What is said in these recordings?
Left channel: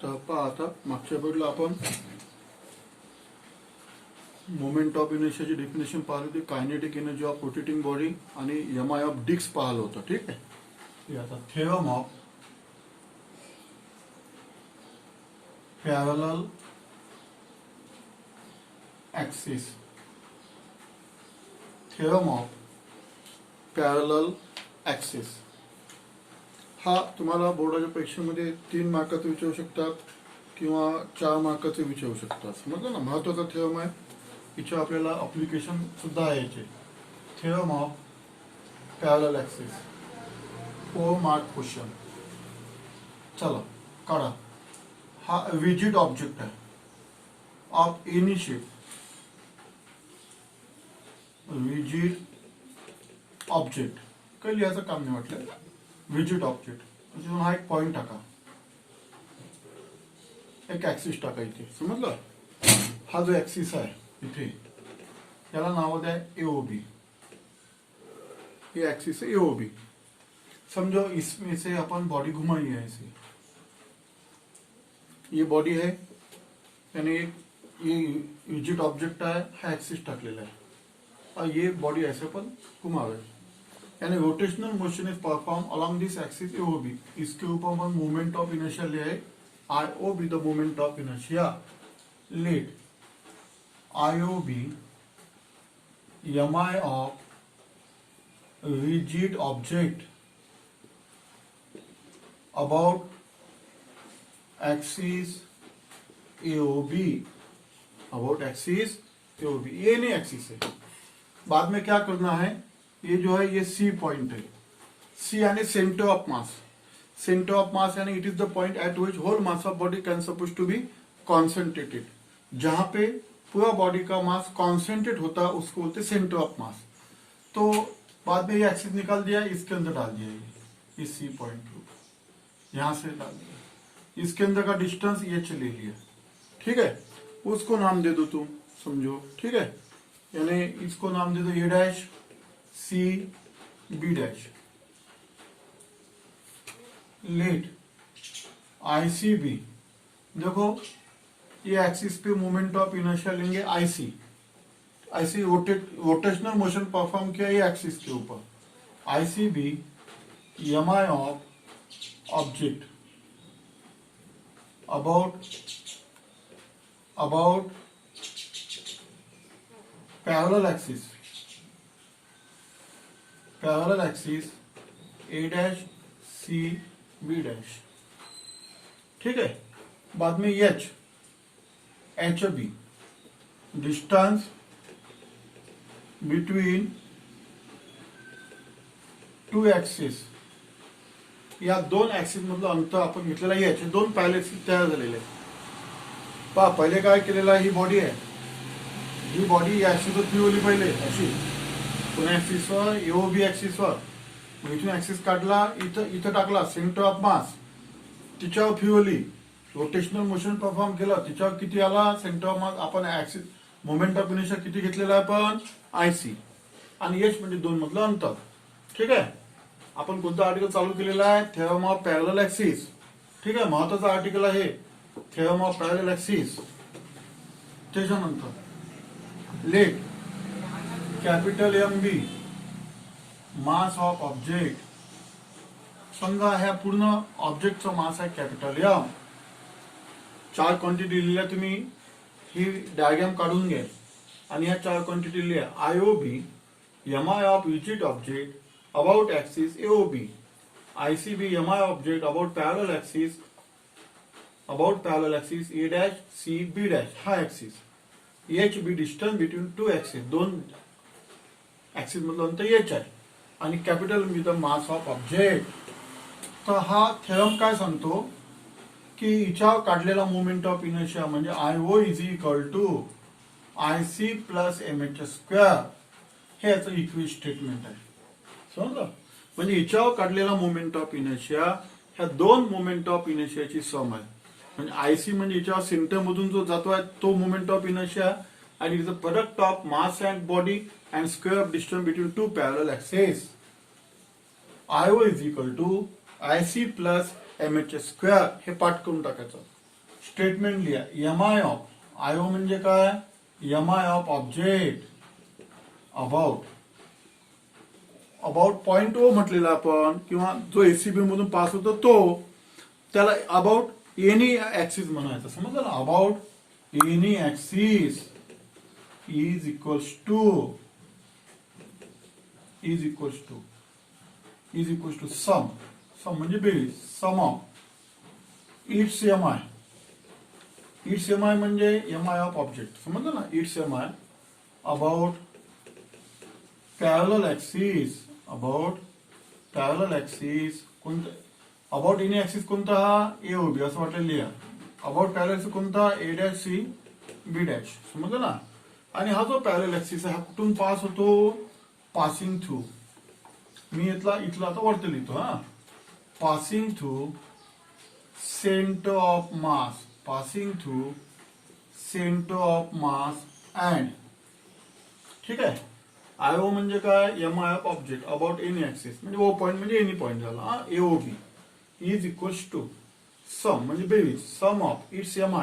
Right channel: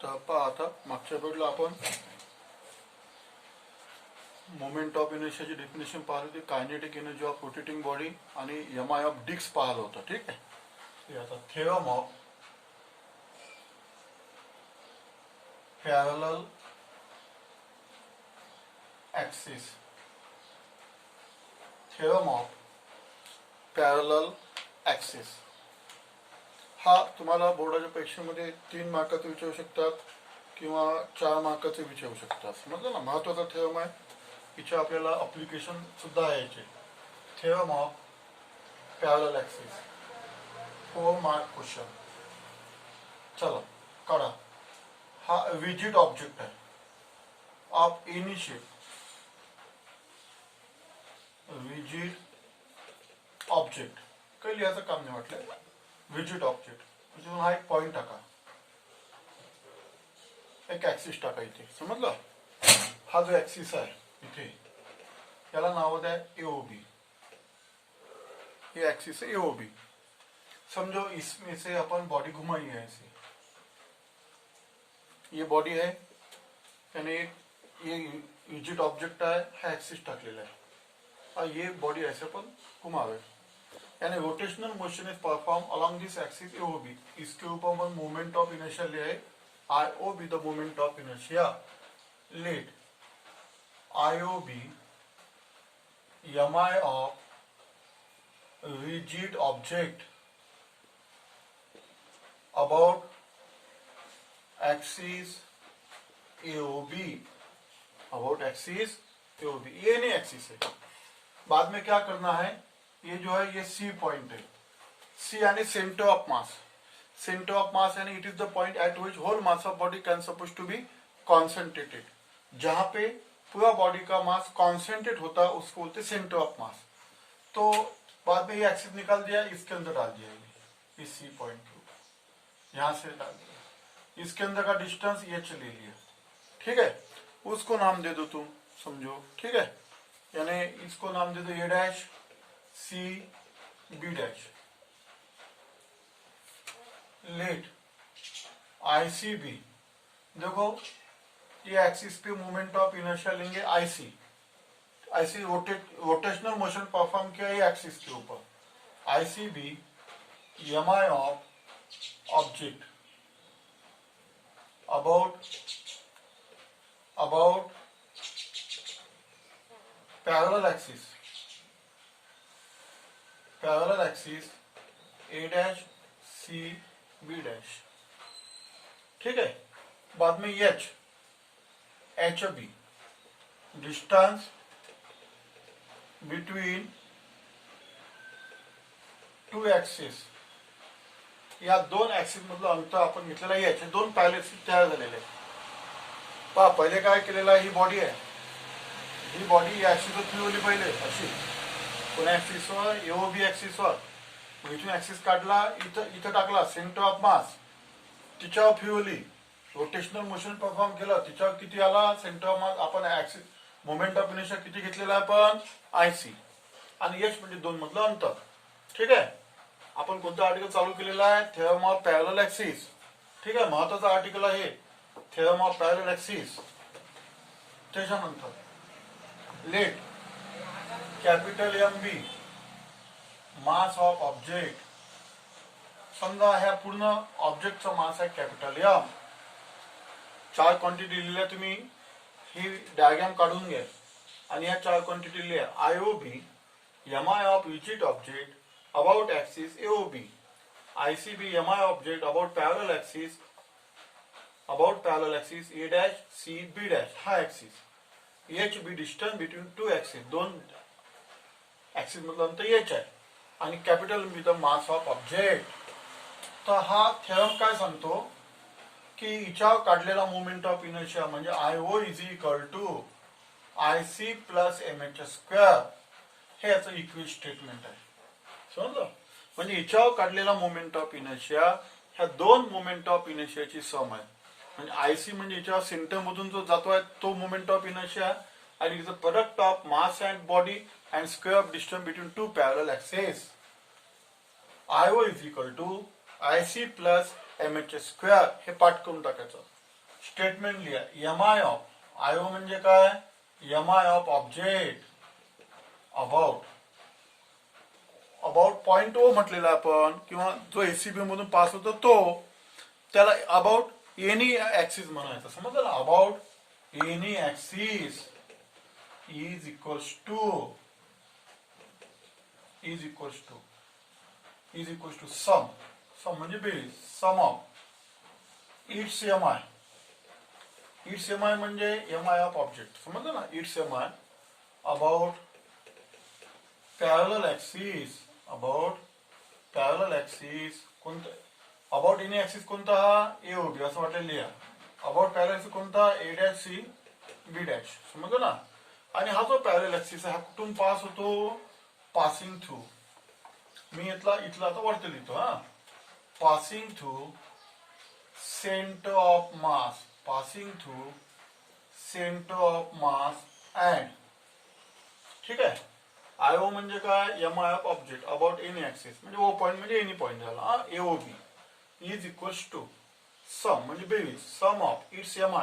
तर पहा आता मागच्या वेळेला आपण मोमेंट ऑफ इनर्शियाची डेफिनेशन पाहिली होती, kinetic energy of rotating body आणि एमआय ऑफ डिस्क पाहिलं होतं. ठीक आहे. हे आता theorem of parallel axis, theorem of parallel axis हा तुम्हाला बोर्डाच्या परीक्षेमध्ये 3 मार्काचं विचारू शकतात किंवा 4 मार्काचे विचारू शकतात. समजलं ना. महत्वाचा थेरम आहे. इथे आपल्याला अप्लिकेशन सुद्धा आहे याचे. Theorem of parallel axis 4 mark question. चला काढा. हा रिजिड ऑब्जेक्ट आहे of any shape, rigid object. काही लिहायचं काम नाही म्हटलं. रिजिड ऑब्जेक्ट म्हणजे हा एक पॉइंट टाका, एक ऍक्सिस टाका इथे. समजलं. हा जो ऍक्सिस आहे इथे त्याला नाव द्या एओबी. ये एक्सिस है एओबी. समझो इसमें से अपन बॉडी घुमाई है ऐसे. ये बॉडी है यानी ये रिजिड ऑब्जेक्ट है, हा एक्सिस टाकलेला आहे और ये बॉडी ऐसे पण घुमावे यानी rotational motion is perform along this axis AOB. इसके ऊपर अपन मोमेंट ऑफ इनर्शिया ले आए IOB, the moment of inertia. Let IOB MI of rigid object about axis AOB, about axis AOB. ये नहीं एक्सिस है. बाद में क्या करना है, ये जो है ये सी पॉइंट है. सी यानी centre of mass. Centre of mass यानी it is the point at which whole mass of body can suppose to be concentrated. जहां पे पूरा बॉडी का मास कॉन्सेंट्रेट होता है उसको बोलते सेंटर ऑफ मास. तो बाद में ये एक्सिस निकाल दिया, इसके अंदर डाल दिया, इस सी पॉइंट के ऊपर यहां से डाल दिया. इसके अंदर का डिस्टेंस ये ले लिया. ठीक है. उसको नाम दे दो तुम, समझो. ठीक है. यानी इसको नाम दे दो A dash C B dash. Let ICB. देखो ये एक्सिस पे मोमेंट ऑफ इनर्शिया लेंगे आईसी. ऐसे रोटेशनल मोशन परफॉर्म किया ये एक्सिस के ऊपर. ICB MI of object about parallel axis A dash C B dash. ठीक है. बाद में H B distance between two axis. या 2 ऍक्सिस मधलं अंतर आपण घेतलेलं आहे. याचे 2 पॅरलल ऍक्सिस तयार झालेले आहेत. पहा पहिले काय केलेलं आहे, ही बॉडी आहे. ही बॉडी या ऍक्सिसवर फिरवली पहिले अशी, पुन्हा ऍक्सिसवर एओबी ऍक्सिसवर. मग इथून ऍक्सिस काढला, इथं टाकला सेंटर ऑफ मास, तिच्यावर फिरवली, रोटेशनल मोशन परफॉर्म केलं. तिच्यावर किती आला सेंटर ऑफ मास. आपण ऍक्सिस मोमेंट ऑफ इनर्शिया किती घेतलेला आहे पण आयसी. आणि एच म्हणजे 2 मधलं अंतर. ठीक आहे. आपण कोणतं आर्टिकल चालू केलेलं आहे, थेरम ऑफ पॅरलल ऍक्सिस. ठीक आहे. महत्वाचं आर्टिकल आहे थेरम ऑफ पॅरलल ऍक्सिस. त्याच्यानंतर let capital M be mass of object. समजा ह्या पूर्ण ऑब्जेक्टचा मास आहे कॅपिटल एम. 4 क्वांटिटी लिहिल्या तुम्ही. ही डायग्राम काढून घ्या आणि या 4 क्वांटिटी लिहा. IOB MI of rigid object about axis AOB. ICB MI object about parallel axis A dash C B dash. हा axis. H B distance between 2 axis. 2 axis मधलं अंतर एच आहे. आणि capital B the mass of object. तर हा theorem काय सांगतो की हिच्यावर काढलेला मोमेंट ऑफ इनर्शिया म्हणजे IO is equal to IC plus M H square. हे याचं इक्विव्हॅलेंट स्टेटमेंट आहे. समजलं. म्हणजे हिच्यावर काढलेला मोमेंट ऑफ इनर्शिया ह्या 2 मोमेंट ऑफ इनर्शियाची सम आहे. म्हणजे आयसी म्हणजे हिच्यावर सेंटर मधून जो जातो आहे तो मोमेंट ऑफ इनर्शिया आणि is the product of mass and body and square of distance between 2 parallel axis. IO is equal to IC plus M H square. हे पाठ करून टाकायचं. स्टेटमेंट लिहा. M I of I O म्हणजे काय, M I of object about point O म्हटलेला आपण, किंवा जो एसीबी मधून पास होतो तो, त्याला अबाउट एनी ऍक्सिस म्हणायचं. समजलं ना. About any axis is equals to sum म्हणजे बेरीज. Sum of its M I म्हणजे एम आय ऑफ ऑब्जेक्ट. समजलं ना. Its M I about parallel axis कोणतं, अबाउट एनी ऍक्सिस कोणता, हा ए ओ बी असं वाटेल लिहा. अबाउट पॅरलल ऍक्सिस कोणता, A dash C B dash. समजलं ना. आणि हा जो पॅरलल ऍक्सिस आहे हा कुठून पास होतो, पासिंग थ्रू. मी इथला आता वरती लिहितो. हा, passing through centre of mass and, ठीक आहे. आय ओ म्हणजे काय, M I of object about any axis म्हणजे ओ पॉइंट म्हणजे एनी पॉइंट झाला. A O B is equals to sum म्हणजे बेरीज. Sum of its M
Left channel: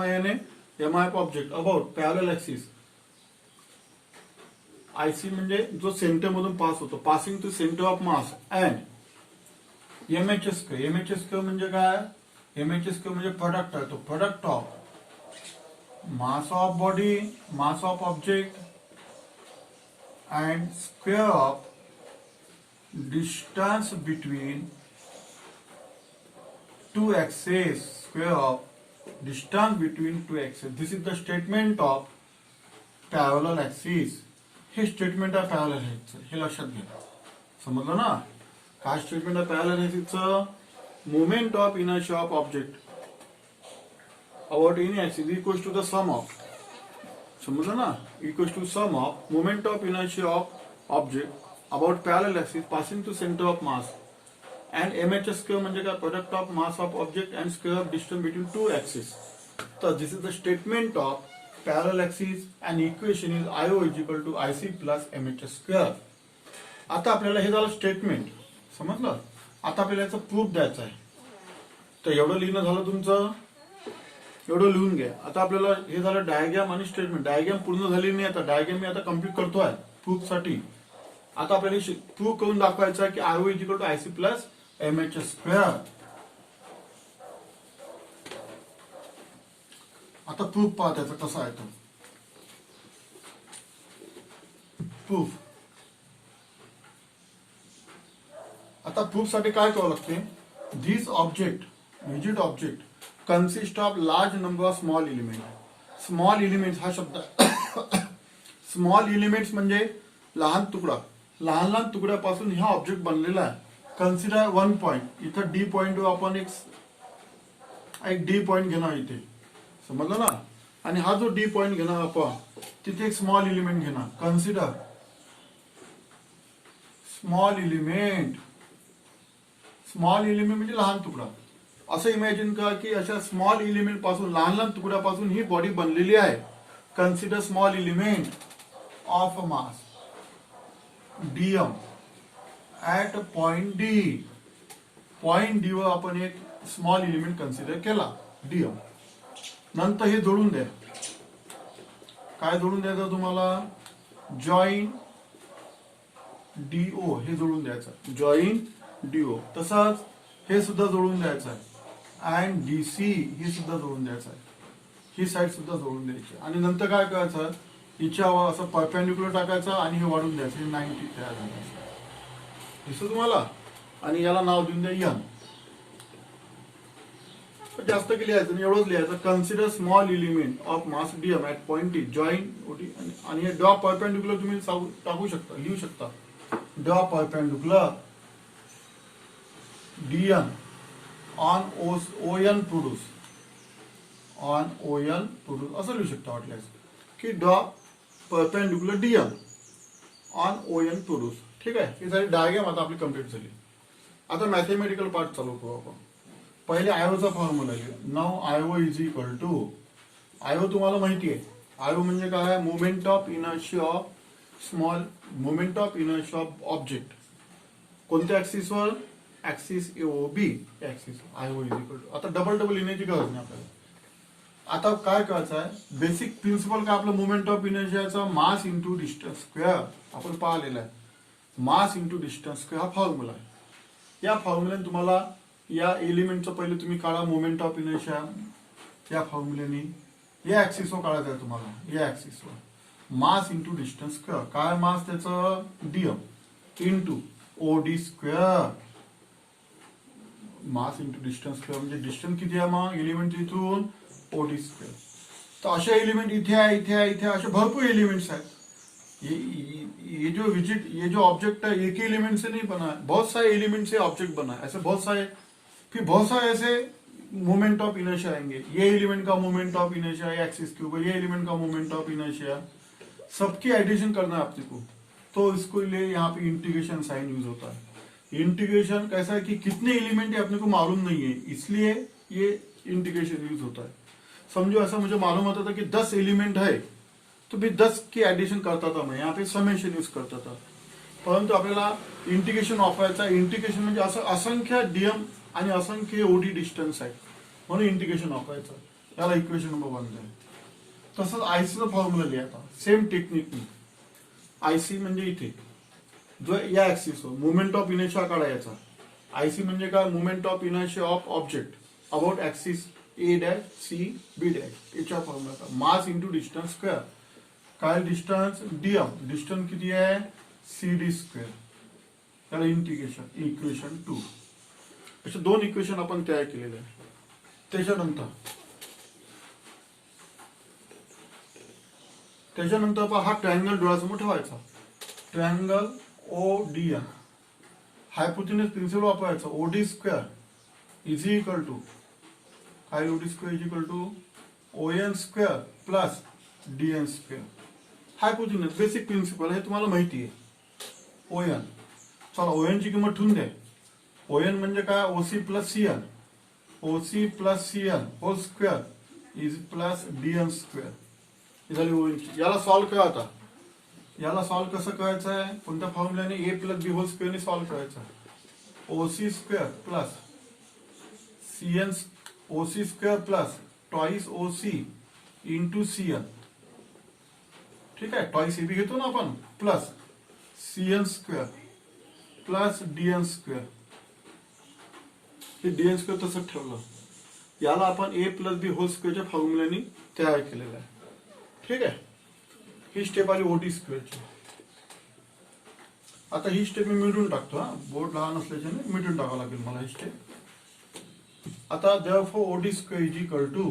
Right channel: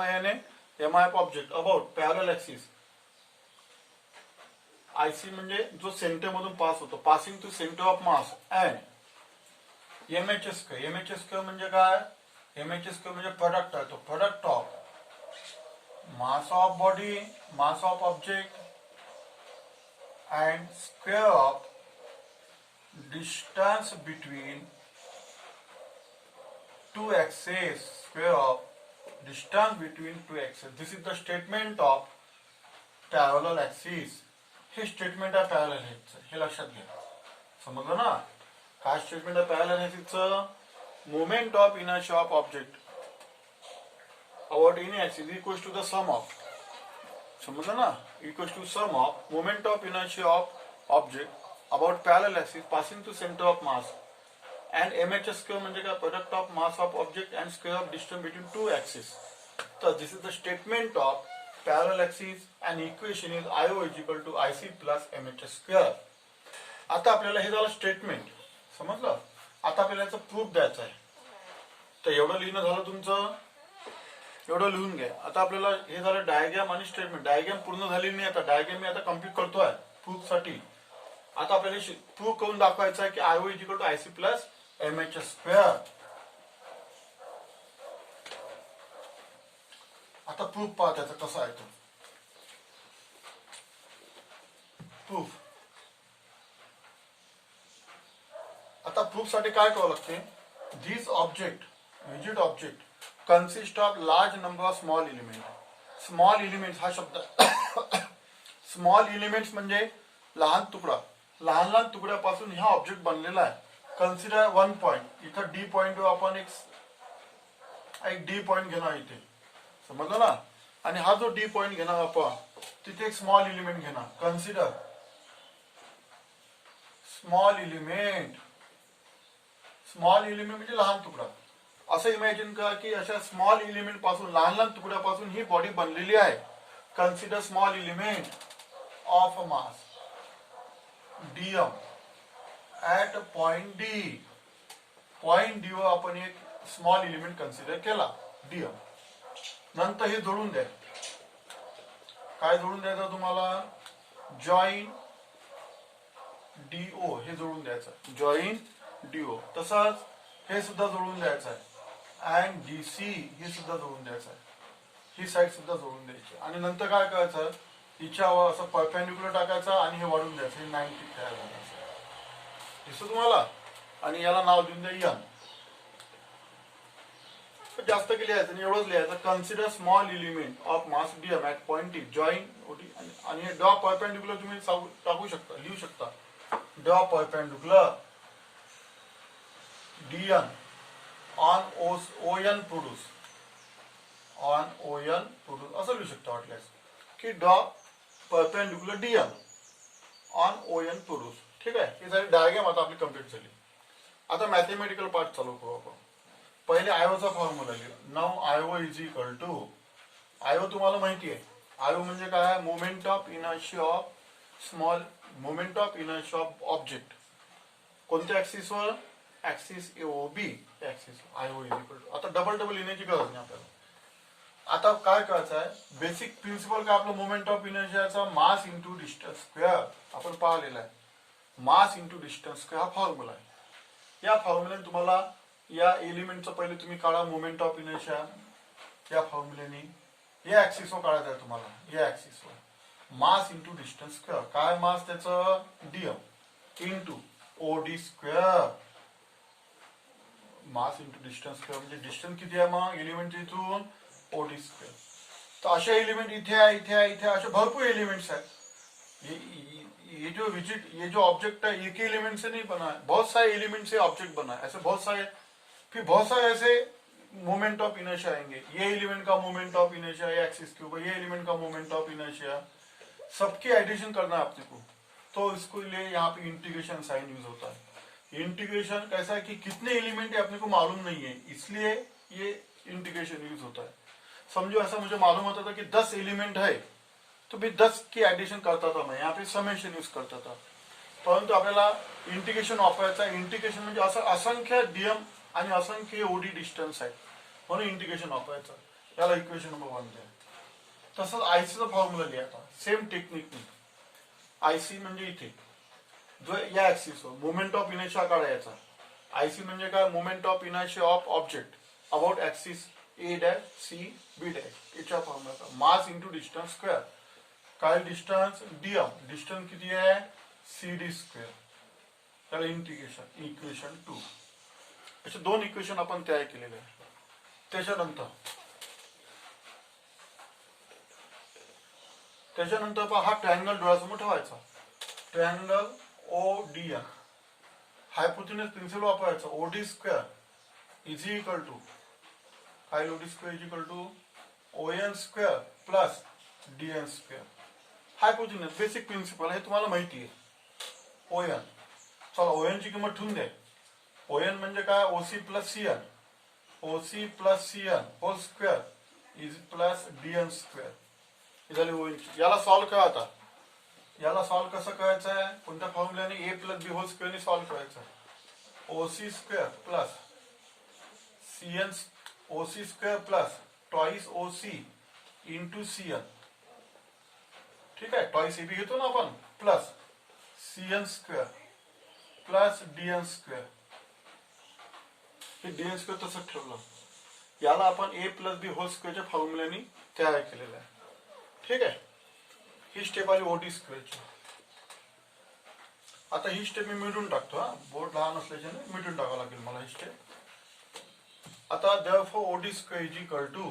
I याने M I of object about parallel axis. IC म्हणजे जो centre मधून pass होतो, passing to centre of mass and MHS square म्हणजे काय, एमएचएस स्क्वेअर म्हणजे प्रोडक्ट आहे तो, product of mass of body, mass of object and square of distance between two axes. This is the statement of parallel axis. हे statement आहे parallel ऍक्सिसचं, हे लक्षात घ्या. समजलं ना. काय स्टेटमेंट आहे पॅरलल ऍक्सिसचं, moment of inertia of object about any axis equals to the sum of. समजलं ना. Equals to sum of moment of inertia of object about parallel axis passing to centre of mass and MHS square म्हणजे काय, product of mass of object and square of distance between two axis. तर this is the statement of parallel axis and equation is IO is equal to IC plus MHS square. आता आपल्याला हे झालं statement. समजलं. आता आपल्याला याचं proof द्यायचं आहे. तर एवढं लिहिणं झालं तुमचं, एवढं लिहून घ्या. आता आपल्याला हे झालं डायग्राम आणि स्टेटमेंट. डायग्राम पूर्ण झाली नाही, आता डायग्राम मी आता कम्प्लीट करतोय प्रूफ साठी. आता आपल्याला प्रूफ करून दाखवायचं आहे की IO is equal to IC plus MHS square. आता प्रूफ पहा त्याचा कसा आहे तो. प्रूफ. आता प्रूफ साठी काय करावं लागते, this object rigid object consist of large number of small element. Small element हा शब्द स्मॉल एलिमेंट्स म्हणजे लहान तुकडा. लहान तुकड्यापासून हा ऑब्जेक्ट बनलेला आहे. Consider one point. इथं डी पॉइंट आपण एक डी पॉइंट घेणार इथे. समजलं ना. आणि हा जो डी पॉइंट घेणार आपण, तिथे एक स्मॉल एलिमेंट घेणार. कन्सिडर स्मॉल एलिमेंट म्हणजे लहान तुकडा. असं इमॅजिन करा की अशा स्मॉल एलिमेंट पासून, लहान तुकड्यापासून ही बॉडी बनलेली आहे. Consider small element of mass DM at point D. Point D वर आपण एक स्मॉल एलिमेंट कन्सिडर केला डीएम. नंतर हे जोडून द्या. काय जोडून द्यायचं तुम्हाला, जॉईन डीओ हे जोडून द्यायचं. Join DO. तसंच हे सुद्धा जोडून द्यायचं आहे. अँड डीसी हे सुद्धा जोडून द्यायचं आहे. ही साईड सुद्धा जोडून द्यायची. आणि नंतर काय करायचं, हिच्यावर असं परपेंडिक्युलर टाकायचं आणि हे वाढून द्यायचं. हे 90 तयार झालं. दिसतं तुम्हाला. आणि याला नाव देऊन द्या एन. जास्त की लिहायचं नाही, एवढंच लिहायचं. Consider small element of mass DM at point T. Join ओटी. आणि हे ड्रॉ परपेंडिक्युलर तुम्ही टाकू शकता, लिहू शकता. Draw perpendicular DN on ON produce. असं लिहू शकता वाटल्यास की draw perpendicular DN on ON produce. ठीक आहे. ही झाली डायग्राम. आता आपली कम्प्लीट झाली. आता मॅथमॅटिकल पार्ट चालू करू आपण. पहिले आयओचा फॉर्म्युला लिहा. नाव IO is equal to, IO तुम्हाला माहिती आहे. आयओ म्हणजे काय, moment of inertia of object. कोणत्या ऍक्सिसवर, axis AOB axis. IO is equal to. आता डबल लिहिण्याची गरज नाही आपल्याला. आता काय करायचं आहे, बेसिक प्रिन्सिपल का आपलं मोमेंट ऑफ इनर्शियाचा मास इंटू डिस्टन्स स्क्वेअर आपण पाहिलेला आहे. मास इंटू डिस्टन्स स्क्वेअर हा फॉर्म्युला आहे. या फॉर्म्युल्याने तुम्हाला या एलिमेंटचं पहिले तुम्ही काढा मोमेंट ऑफ इनर्शिया. या फॉर्म्युल्याने या ऍक्सिसवर काढायचं आहे तुम्हाला. या ऍक्सिसवर मास इंटू डिस्टन्स स्क्वेअर. काय मास त्याचं, DM into OD square. Mass into distance square म्हणजे डिस्टन्स किती आहे मग एलिमेंट इथून, ओडी स्क्वेअर. तर असे एलिमेंट इथे आहे, इथे आहे, इथे असे भरपूर एलिमेंट्स आहेत. ये जो ऑब्जेक्ट है एक ही एलिमेंट से नहीं बना है, बहुत सारे एलिमेंट से ऑब्जेक्ट बना है. ऐसे बहुत सारे ऐसे मोमेंट ऑफ इनर्शिया आएंगे. ये एलिमेंट का मोमेंट ऑफ इनर्शिया एक्सिस के ऊपर, ये एलिमेंट का मोमेंट ऑफ इनर्शिया, सबकी एडिशन करना है आपको. तो इसको लिए यहाँ पे इंटीग्रेशन साइन यूज होता है. इंटीग्रेशन कैसा है कि कितने एलिमेंट है अपने को मालूम नहीं है, इसलिए ये इंटीग्रेशन यूज होता है. समझो ऐसा मुझे मालूम होता था कि 10 एलिमेंट है, तो भी 10 की ऍडिशन करता था मैं. यहाँ पे समेशन यूज करता था. परंतु आपल्याला इंटिग्रेशन वापरायचं आहे. इंटिग्रेशन म्हणजे असं असंख्य डीएम आणि असंख्य ओडी डिस्टन्स आहे, म्हणून इंटिग्रेशन वापरायचं. याला इक्वेशन नंबर 1 आहे. तसंच आयसीचा फॉर्म्युला लिहायचा सेम टेक्निकनी. आयसी म्हणजे इथे जो या ऍक्सिसवर मोमेंट ऑफ इनर्शिया काढायचा. आयसी म्हणजे काय, moment of inertia of object about axis A dash C B dash. याच्या formula mass into distance square. काय डिस्टन्स, डीएम. डिस्टन्स किती आहे, सी डी स्क्वेअर. त्याला इंटिग्रेशन इक्वेशन 2. असे 2 इक्वेशन आपण तयार केलेले आहे. त्याच्यानंतर हा ट्रायंगल डोळ्यासमोर ठेवायचा. Triangle O D N. Hypotenuse principle वापरायचा. OD square is equal to काय, OD square is equal to O N square plus D N square. Hypotenuse basic principle हे तुम्हाला माहिती आहे. O N. चला ओ एन ची किंमत ठेवून द्या. ओ एन म्हणजे काय, OC plus C N. OC plus C N whole square is plus D N square. झाली ओ एन. याला सॉल्व्ह करा. आता याला सॉल्व्ह कसं करायचं आहे, कोणत्या फॉर्म्युल्याने, ए प्लस बी होल स्क्वेअरने सॉल्व्ह करायचं आहे. OC square plus C N, OC square plus twice OC into C N. ठीक आहे, ट्वाइस ए बी घेतो ना आपण, plus C N square plus D N square. हे डी एन स्क्वेअर तसंच ठेवलं. याला आपण ए प्लस बी होल स्क्वेअरच्या फॉर्म्युल्याने तयार केलेलं आहे. ठीक आहे, ही स्टेप आली ओडी स्क्वेअरची. आता ही स्टेप मी मिटून टाकतो. बोर्ड लहान असल्याच्याने मिटून टाकावं लागेल मला ही स्टेप. आता therefore OD square is equal to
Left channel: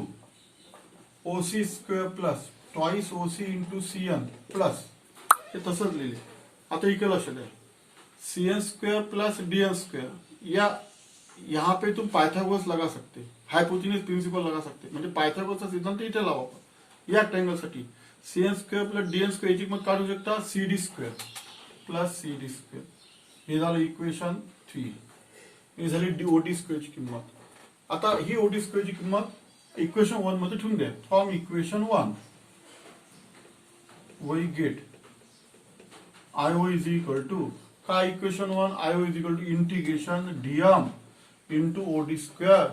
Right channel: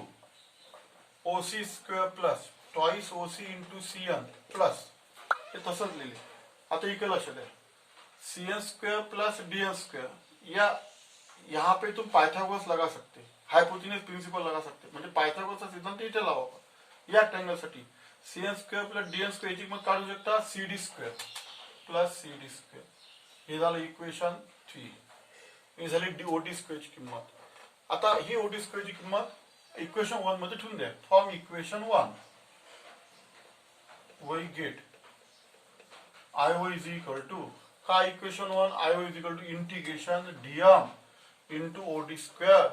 OC square plus twice OC into C N plus, हे तसंच लिहिले. आता इकडे लक्ष द्या, C N square plus D N square. या यहाँ पे तुम पायथागोरस लगा सकते, हायपोथिनस प्रिन्सिपल लगा सकते. म्हणजे पायथागोरसचा सिद्धांत इथे लावा. या ट्रायंगलसाठी C N square plus D N square याची किंमत काढू शकता, C D square plus C D square. हे झालं इक्वेशन 3. हे झाली ओडी स्क्वेअरची किंमत. आता ही ओडी स्क्वेअरची किंमत इक्वेशन 1 मध्ये ठेवून द्या. From equation 1 we get I is equal to काय, equation 1 I is equal to integration DM into OD square.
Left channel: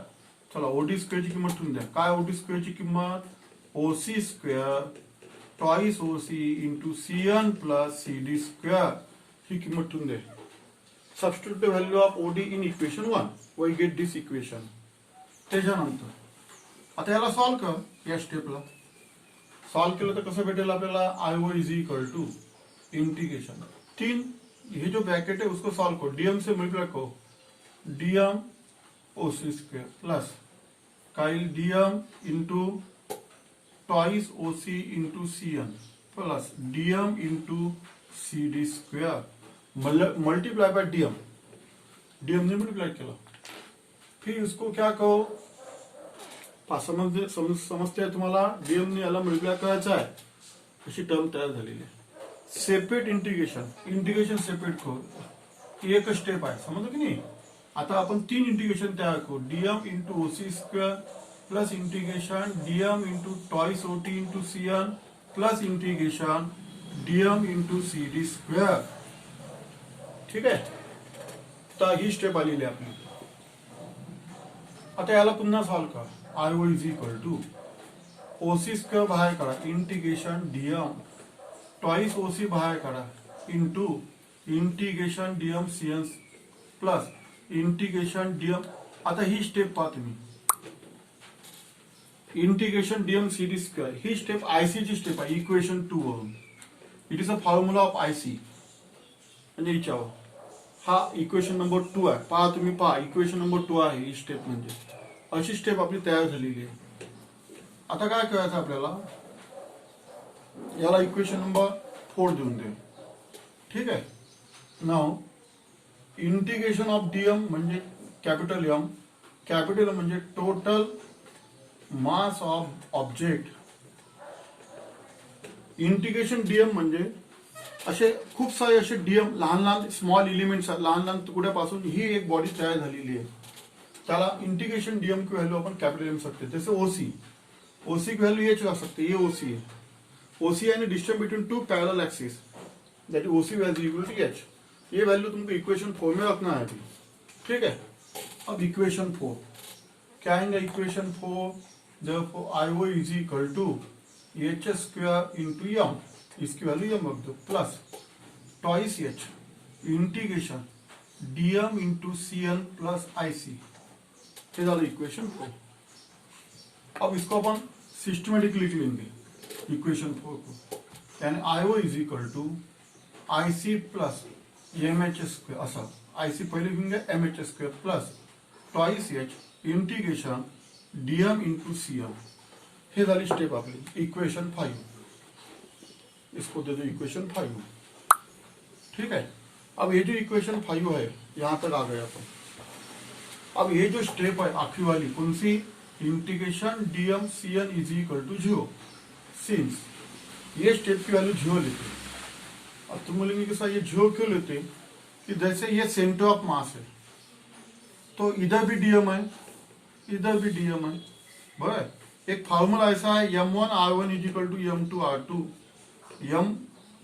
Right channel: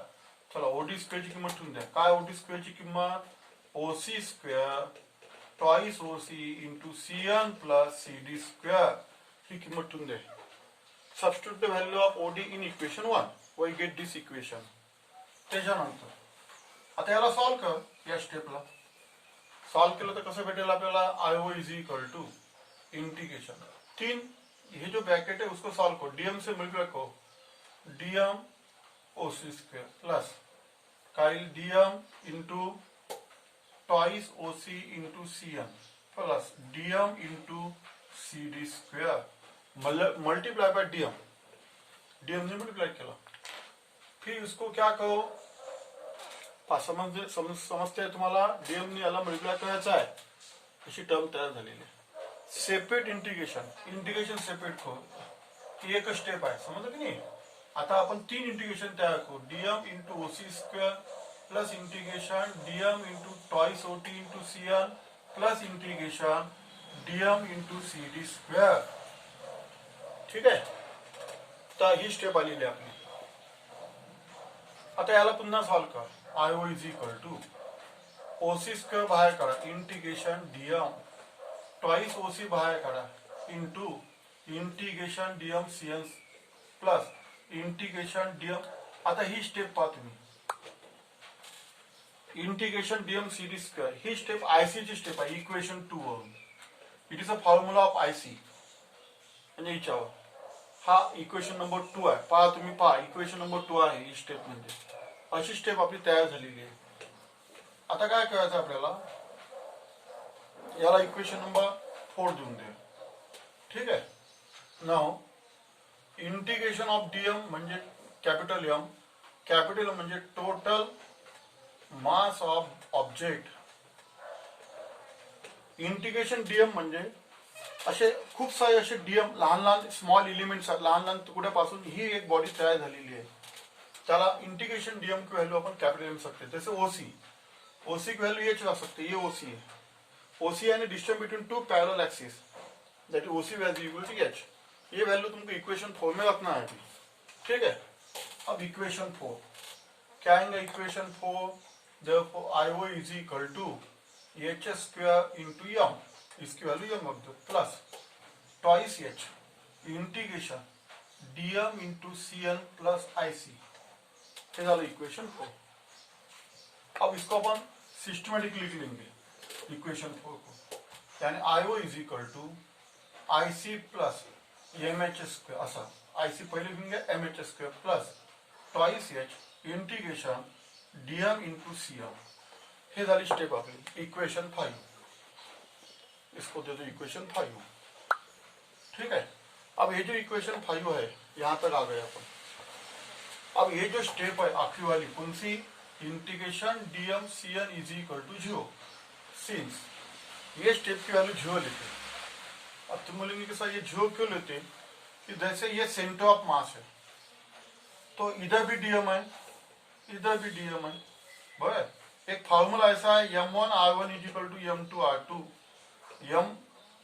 चला ओडी स्क्वेअरची किंमत ठेवून द्या. काय ओडी स्क्वेअरची किंमत, OC square twice OC into C N plus C D square. ही किंमत ठेवून द्या. Substitute the value of OD in equation 1 we get this equation. त्याच्यानंतर आता याला सॉल्व्ह कर. या स्टेपला सॉल्व्ह केलं तर कसं भेटेल आपल्याला, I O is equal to integration 3, ये जो ब्रैकेट है उसको सॉल्व करो, डीएम से मल्टीप्लाई करो. डीएम ओसी स्क्वेयर प्लस काइल DM into twice OC into C N plus DM into C D square multiply by DM. DM ने multiply किया. फिर इसको क्या कहो, समजते आहे तुम्हाला, डीएम ने याला मल्टीप्लाई करायचा आहे. अशी टर्म तयार झालेली आहे. सेपरेट इंटिग्रेशन, इंटिग्रेशन सेपरेट करू. ही एक स्टेप आहे, समजलं की नाही. आता आपण 3 इंटिग्रेशन तयार करू. DM into OC square plus integration DM into twice OT into C N plus integration DM into C D square. ठीक आहे, तर ही स्टेप आलेली आपली. आता याला पुन्हा सॉल्व्ह कर. I O is equal to OC square बाहेर काढा, इंटिग्रेशन डीएम ट्वाइस ओसी बाहेर काढा into integration DM CN plus integration DM. आता ही स्टेप पहा तुम्ही, इंटिग्रेशन डीएम सीडी स्क्वेअर ही स्टेप आयसी ची स्टेप आहे इक्वेशन 2 वरून. It is a formula of IC. म्हणजे हिच्यावर हा इक्वेशन नंबर 2 आहे. पहा तुम्ही, पहा इक्वेशन नंबर 2 आहे ही स्टेप. म्हणजे अशी स्टेप आपली तयार झालेली आहे. आता काय करायचं आपल्याला, याला इक्वेशन नंबर 4 देऊन दे. ठीक आहे. नाव इंटिग्रेशन ऑफ डीएम म्हणजे कॅपिटल एम, कॅपिटल म्हणजे total mass of object. Integration DM म्हणजे असे खूप सारे असे डीएम लहान लहान स्मॉल एलिमेंट्स, लहान लहान तुकड्यापासून ही एक बॉडी तयार झालेली आहे. त्याला इंटिग्रेशन डीएम की व्हॅल्यू आपण कॅपिटल एम सकते. जैसे ओसी, ओसी की वैल्यू ये चला सकते, ये ओसी है. ओसी यानी distance between two parallel axis, that OC value equal to H. ये वैल्यू तुमको इक्वेशन 4 में रखना है अभी. ठीक है. अब इक्वेशन 4 क्या आएगा, equation 4 therefore IO is equal to H square into M, इसकी वैल्यू एम रख दो, plus twice H integration DM into CN plus IC. हे झालं इक्वेशन 4. अब इसको अपन सिस्टमेटिक लिख लेंगे इक्वेशन 4 को. यानी IO is equal to IC plus M H square, असा आईसी पहिले लिखेंगे M H square plus twice H integration DM into CM. हे झाली स्टेप आपली इक्वेशन 5. इसको दे दो इक्वेशन 5. ठीक है. अब ये जो इक्वेशन 5 है यहां तक आ गए अपन. अब ये जो स्टेप है आखिरी वाली कौन सी, integration DM CN is equal to 0. Since ये स्टेप की वैल्यू 0 लेते. अब तुम बोलेंगे कि सर ये 0 क्यों लेते, कि जैसे ये सेंटर ऑफ मास है तो इधर भी डीएम है, इधर भी डीएम है. बराबर. एक फॉर्मूला ऐसा है m1 r1 is equal to m2 r2,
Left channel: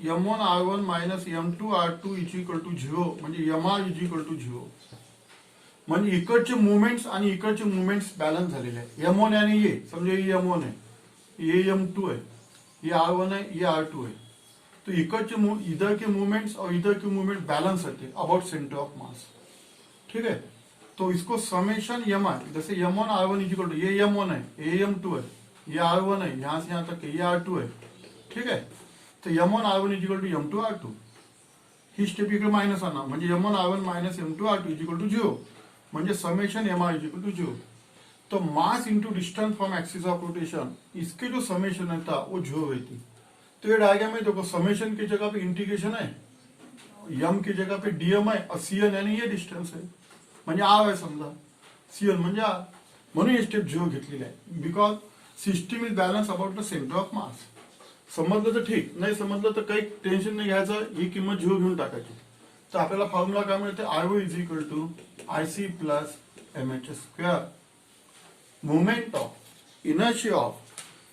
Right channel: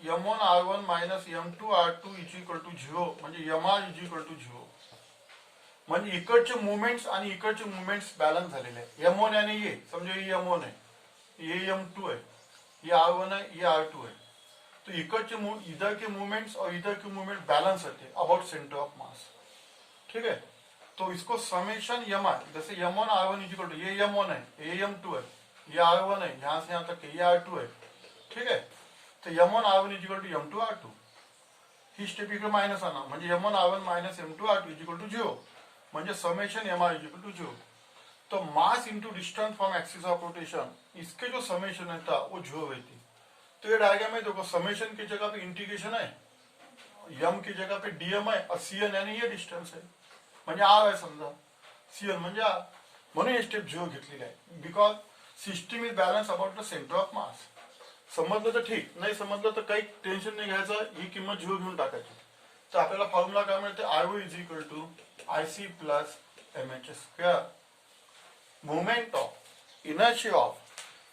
m1 r1 minus m2 r2 is equal to 0, म्हणजे mr इज इक्वल टू 0. म्हणजे इकडचे मुवमेंट्स आणि इकडचे मुवमेंट्स बॅलन्स झालेले आहे. m1 यानी ये समझो ये m1 है, ये m2 है, ये r1 है, ये r2 है. तो इकडचे इधर के मूवमेंट्स और इधर के मूवमेंट बैलेंस होते अबाउट सेंटर ऑफ मास. ठीक है. तो इसको समेशन एम आर, जैसे m1 r1 is equal to ये m1 है, ये m2 है, ये r1 है, यहां से यहां तक ये r2 है. ठीक है. तो m1 r1 is equal to m2 r2. ही स्टेप इकडे मायनस आणा, म्हणजे m1 r1 minus m2 r2 is equal to 0. म्हणजे summation M R is equal to 0. तो mass into distance from axis of rotation, इसके जो समेशन है था वो 0 रहती. तो ये डायग्राम में देखो, समेशन की जगह पे इंटीग्रेशन है, यम की जगह पे डीएम है और सीएन यानी ये डिस्टन्स आहे. म्हणजे आर आहे समजा, सीएन म्हणजे आर. म्हणून हे स्टेप 0 घेतलेली आहे. Because system is balance about the centre of मास. समजलं तर ठीक, नाही समजलं तर काही टेन्शन नाही घ्यायचं, ही किंमत 0 घेऊन टाकायची. तर आपल्याला फॉर्म्युला काय मिळते, IO is equal to IC plus M H square. Moment of inertia of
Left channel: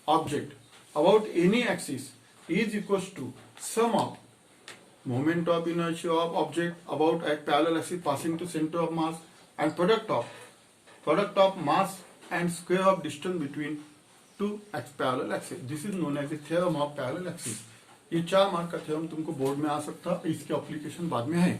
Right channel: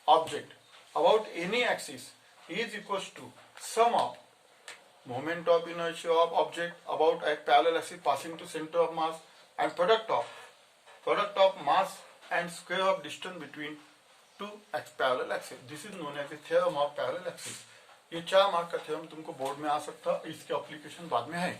object about any axis is equals to sum of moment of inertia of object about a parallel axis passing to center of mass and product of mass and square of distance between two parallel axis. This is known as the theorem of parallel axis. ये 4 mark का theorem तुमको board में आ सकता है, इसकी application बाद में है.